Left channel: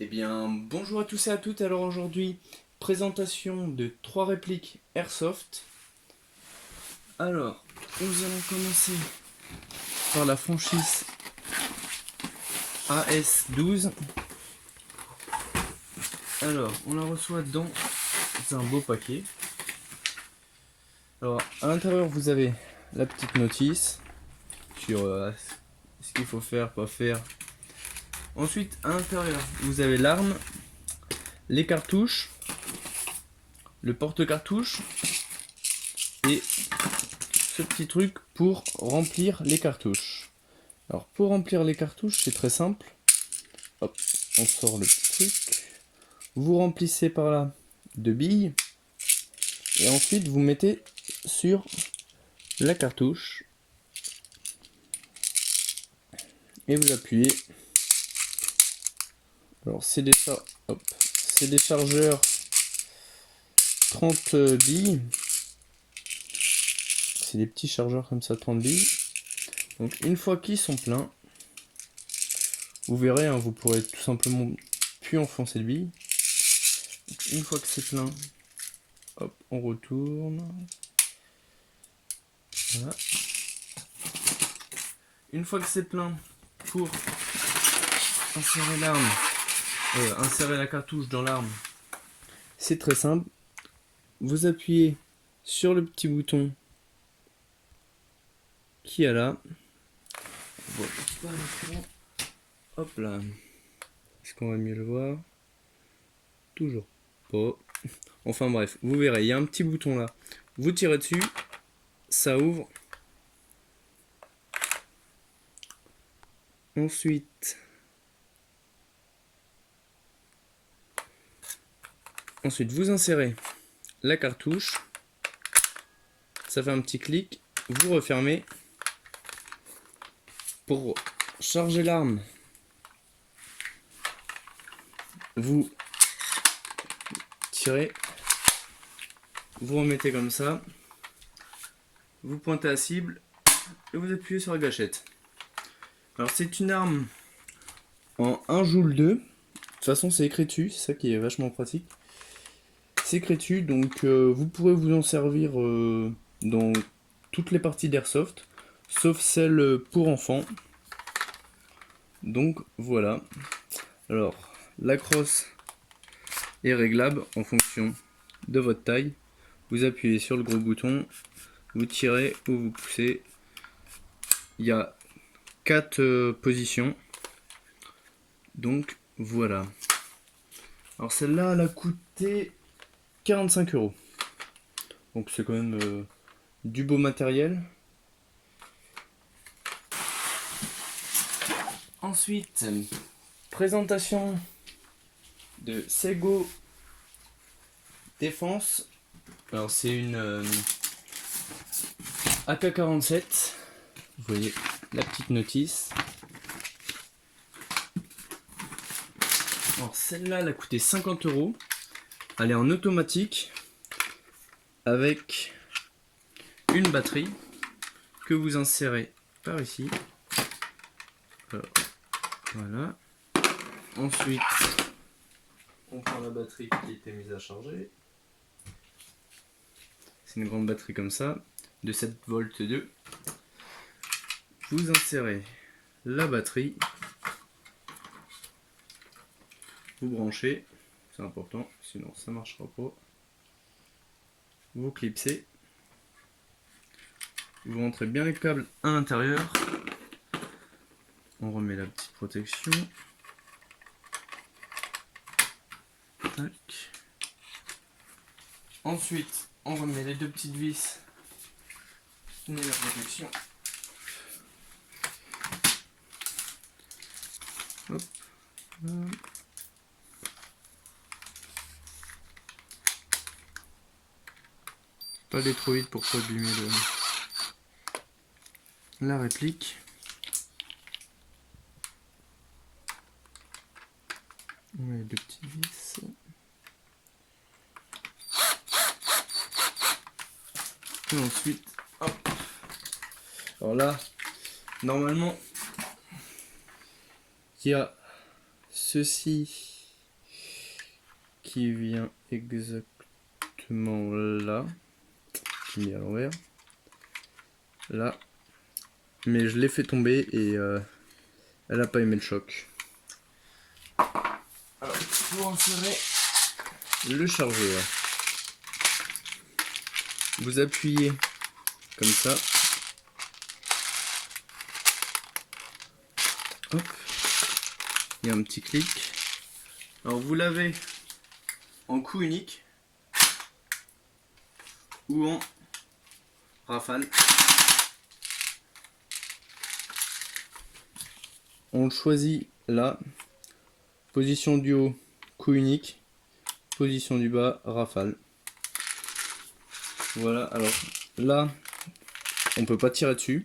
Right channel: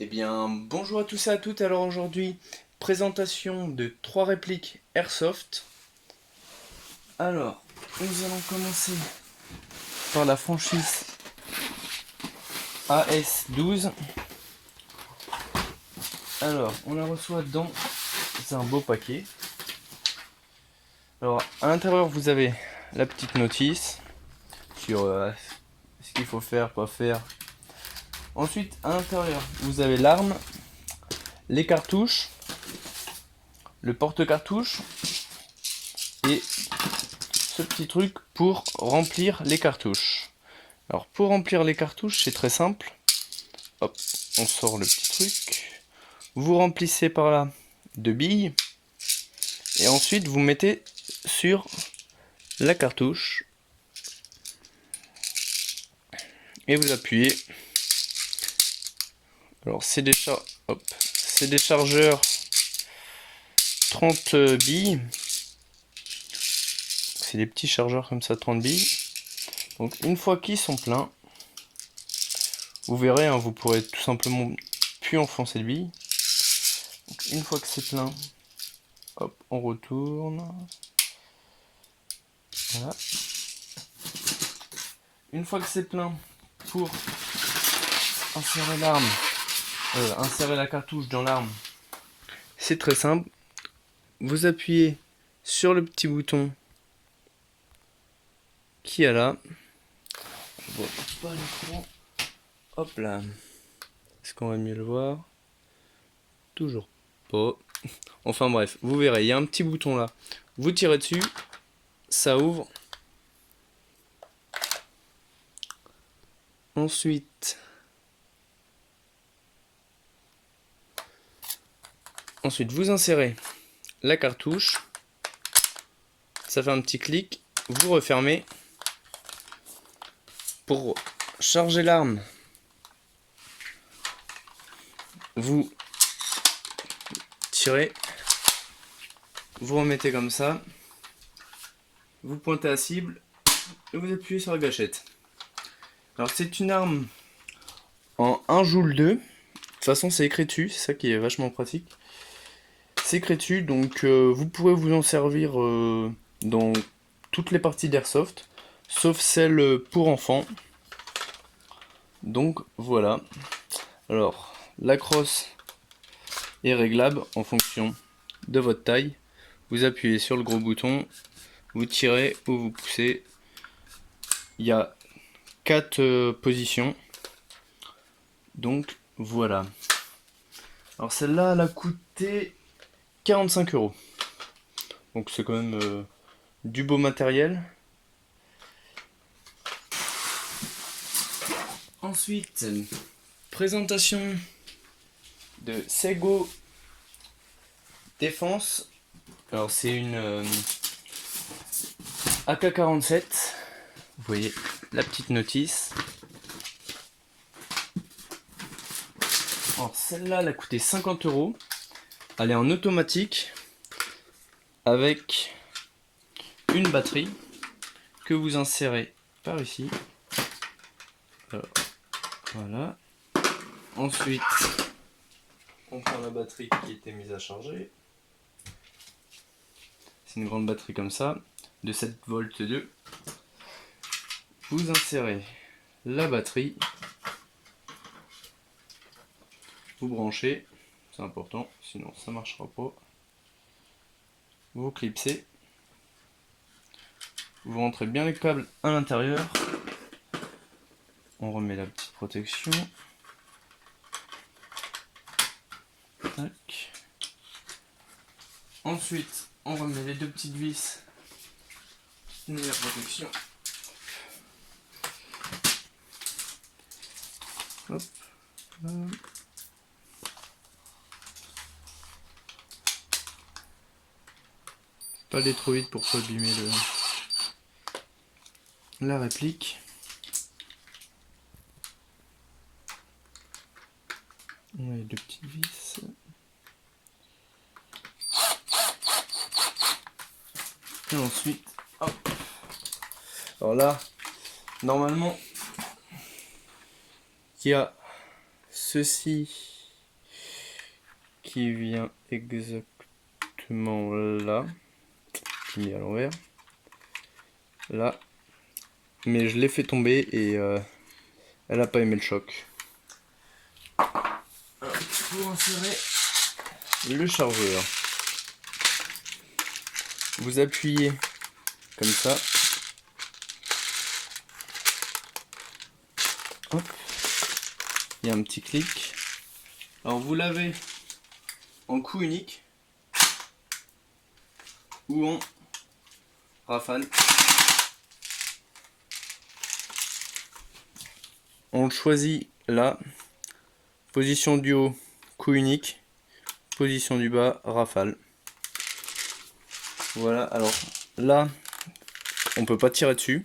Eh bien, bonjour à tous et à toutes. Alors aujourd'hui, présentation de 3 répliques Airsoft. Alors, nous allons commencer par la franchise AS12. Alors, on la reçoit dans un beau paquet. Alors, à l'intérieur, vous avez la petite notice sur ce qu'il faut faire, pas faire. Ensuite, à l'intérieur, vous avez l'arme, les cartouches, le porte-cartouches et ce petit truc pour remplir les cartouches. Alors pour remplir les cartouches, c'est très simple. Hop, on sort le petit truc. Vous remplissez par là de billes. Et ensuite vous mettez sur la cartouche. Et vous appuyez. Alors c'est des chargeurs 30 billes. C'est des petits chargeurs comme ça, 30 billes. Donc une fois qu'ils sont pleins, vous verrez, hein, vous pourrez tout simplement plus enfoncer de billes. Donc, une fois que c'est plein, hop, on retourne. Voilà. Une fois que c'est plein, pour insérer l'arme, insérer la cartouche dans l'arme, c'est très simple. Vous appuyez sur le petit bouton qui est là. Bon, pas l'écran. Hop là. Est-ce qu'on va mieux le voir? Toujours pas. Enfin bref, vous verrez, il y a un petit bouton là. Vous tirez dessus, ça ouvre. Ensuite, vous insérez la cartouche. Ça fait un petit clic. Vous refermez. Pour charger l'arme, vous tirez, vous remettez comme ça, vous pointez à cible et vous appuyez sur la gâchette. Alors c'est une arme en 1 joule 2. De toute façon c'est écrit dessus, c'est ça qui est vachement pratique. C'est écrit dessus, donc vous pourrez vous en servir dans toutes les parties d'airsoft, sauf celle pour enfants. Donc voilà. Alors la crosse est réglable en fonction de votre taille. Vous appuyez sur le gros bouton, vous tirez ou vous poussez. Il y a 4 positions. Donc voilà. Alors celle-là, elle a coûté 45 euros. Donc c'est quand même du beau matériel. Ensuite, présentation de Sego Défense. Alors c'est une AK-47. Vous voyez la petite notice. Alors celle-là, elle a coûté 50 euros. Elle est en automatique avec une batterie que vous insérez par ici. Alors, voilà. Ensuite, on prend la batterie qui était mise à charger. C'est une grande batterie comme ça, de 7 volts 2. Vous insérez la batterie. Vous branchez, c'est important, sinon ça ne marchera pas. Vous clipsez. Vous rentrez bien les câbles à l'intérieur. On remet la petite protection. Tac. Ensuite, on remet les 2 petites vis de la protection. Hop. Là. Pas aller trop vite pour pas abîmer la réplique. On met les 2 petites vis. Et ensuite, hop. Alors là, normalement, il y a ceci qui vient exactement là, qui est mis à l'envers, là, mais je l'ai fait tomber et elle n'a pas aimé le choc. Alors, pour insérer le chargeur, vous appuyez comme ça. Hop. Il y a un petit clic. Alors vous l'avez en coup unique ou en rafale. On le choisit là. Position du haut, coup unique. Position du bas, rafale. Voilà, alors là, on peut pas tirer dessus.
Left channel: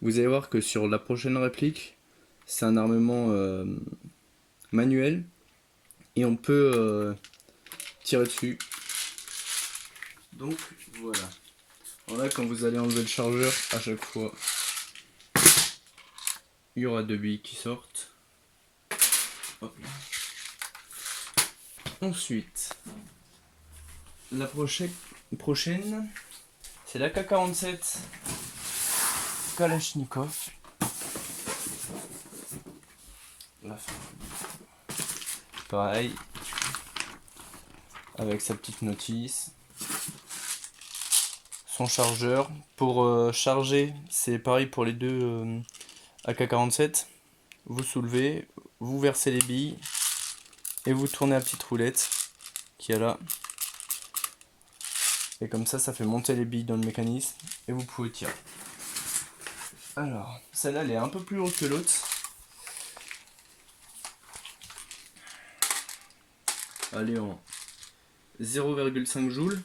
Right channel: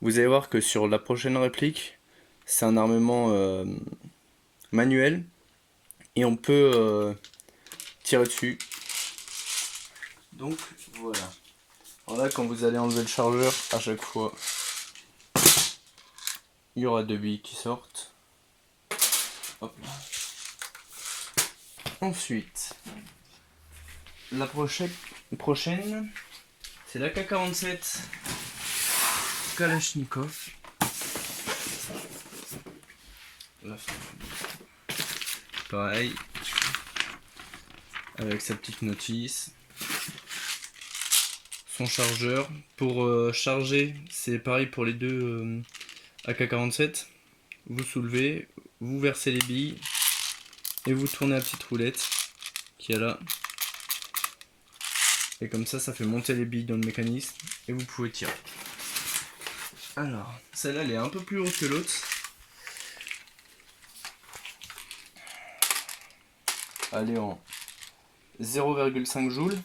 Vous allez voir que sur la prochaine réplique, c'est un armement manuel et on peut tirer dessus. Donc voilà. Alors là, quand vous allez enlever le chargeur, à chaque fois, il y aura 2 billes qui sortent. Hop. Ensuite, la prochaine, c'est l'AK-47 Kalachnikov. Là, pareil, avec sa petite notice. Son chargeur. Pour charger, c'est pareil pour les deux AK-47. Vous soulevez, vous versez les billes et vous tournez la petite roulette qui est là. Et comme ça fait monter les billes dans le mécanisme et vous pouvez tirer. Alors, celle-là elle est un peu plus haute que l'autre. Elle est en 0,5 joules.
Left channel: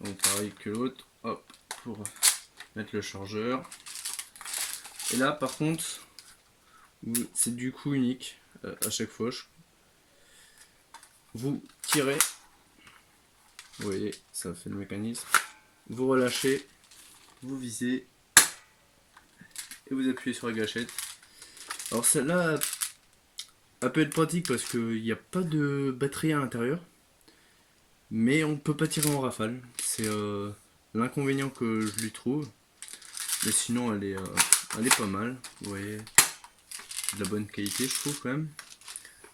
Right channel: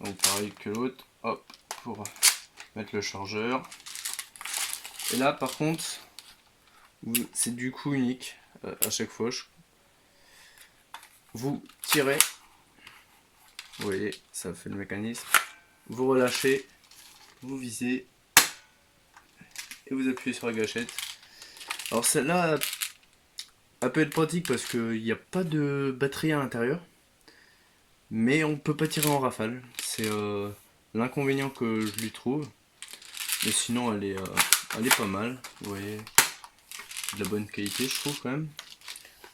Donc pareil que l'autre. Hop, pour mettre le chargeur. Et là par contre, c'est du coup unique à chaque fois. Vous tirez. Vous voyez, ça fait le mécanisme. Vous relâchez, vous visez et vous appuyez sur la gâchette. Alors celle-là, elle peut être pratique parce qu'il n'y a pas de batterie à l'intérieur, mais on peut pas tirer en rafale. C'est l'inconvénient que je lui trouve. Mais sinon, elle est pas mal. Vous voyez, de la bonne qualité, je trouve quand même.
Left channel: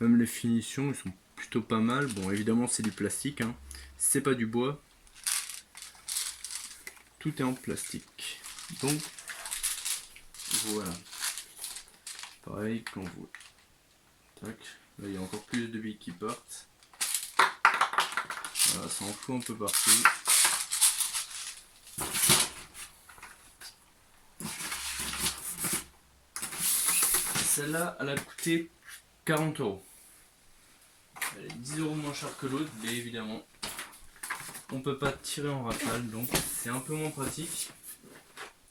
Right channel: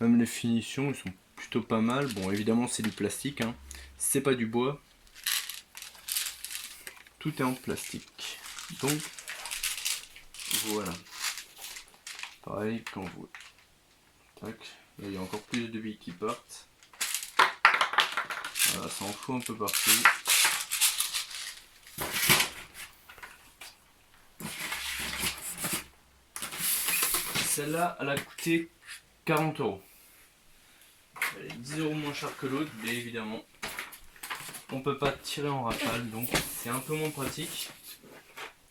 Même les finitions, ils sont plutôt pas mal. Bon, évidemment, c'est du plastique, hein. C'est pas du bois. Tout est en plastique. Donc, voilà. Pareil, quand vous... Tac. Là, il y a encore plus de billes qui partent. Voilà, ça en fout un peu partout. Celle-là, elle a coûté 40 €. Elle est 10 € moins chère que l'autre, mais évidemment. On peut pas tirer en rafale, donc c'est un peu moins pratique.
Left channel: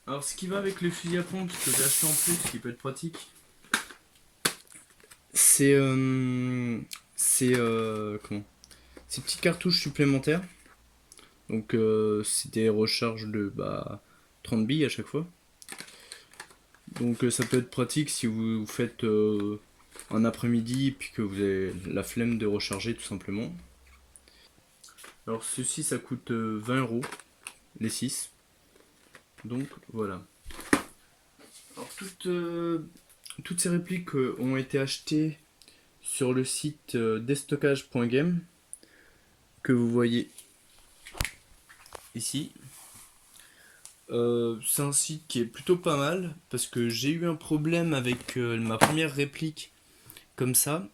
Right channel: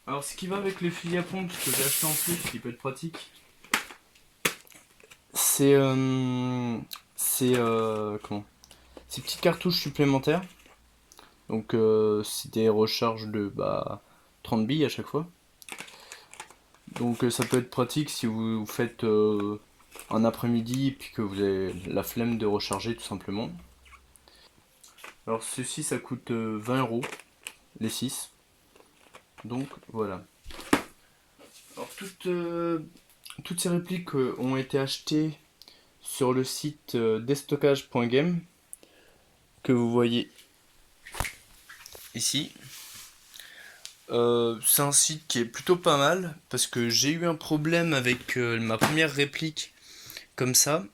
Alors ce qui va avec les fusils à pompe que j'ai acheté en plus, qui peut être pratique, c'est comment, ces petites cartouches supplémentaires. Donc c'est des recharges de 30 billes à chaque fois. Donc ça peut être pratique si vous faites un après-midi puis que vous avez la flemme de recharger tout simplement. Alors ceci ça coûte 20 € les 6. Donc voilà. Alors toutes ces répliques ont été achetées sur le site destockage.game que vous voyez ici. C'est un site qui est plutôt pas mal parce que j'ai eu un problème avec ma première réplique comme ça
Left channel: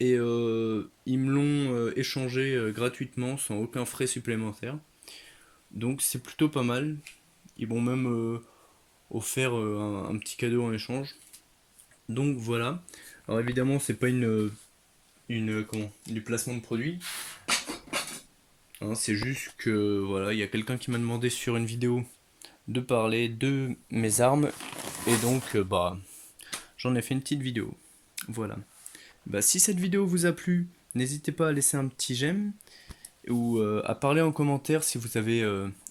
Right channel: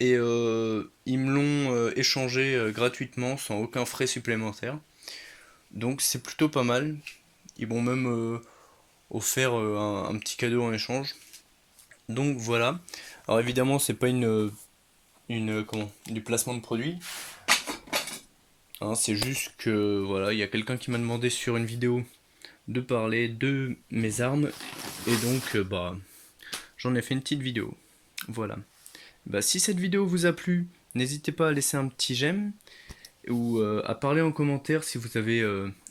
et ils me l'ont échangé gratuitement sans aucun frais supplémentaire. Donc c'est plutôt pas mal. Ils m'ont même offert un petit cadeau en échange. Donc voilà. Alors évidemment c'est pas du placement de produit. Hein, c'est juste que voilà, il y a quelqu'un qui m'a demandé sur une vidéo de parler de mes armes et donc j'en ai fait une petite vidéo. Voilà. Si cette vidéo vous a plu, n'hésitez pas à laisser un petit j'aime ou à parler en commentaire si vous avez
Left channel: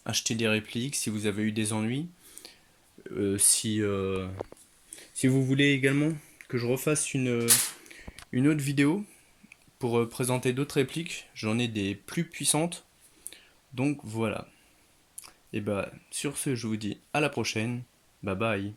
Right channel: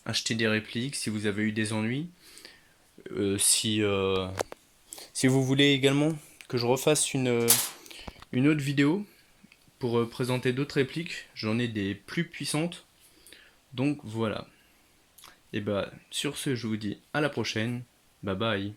acheté des répliques, si vous avez eu des ennuis, si vous voulez également que je refasse une autre vidéo pour présenter d'autres répliques, j'en ai des plus puissantes. Donc voilà. Et bah sur ce, je vous dis à la prochaine. Bye bye.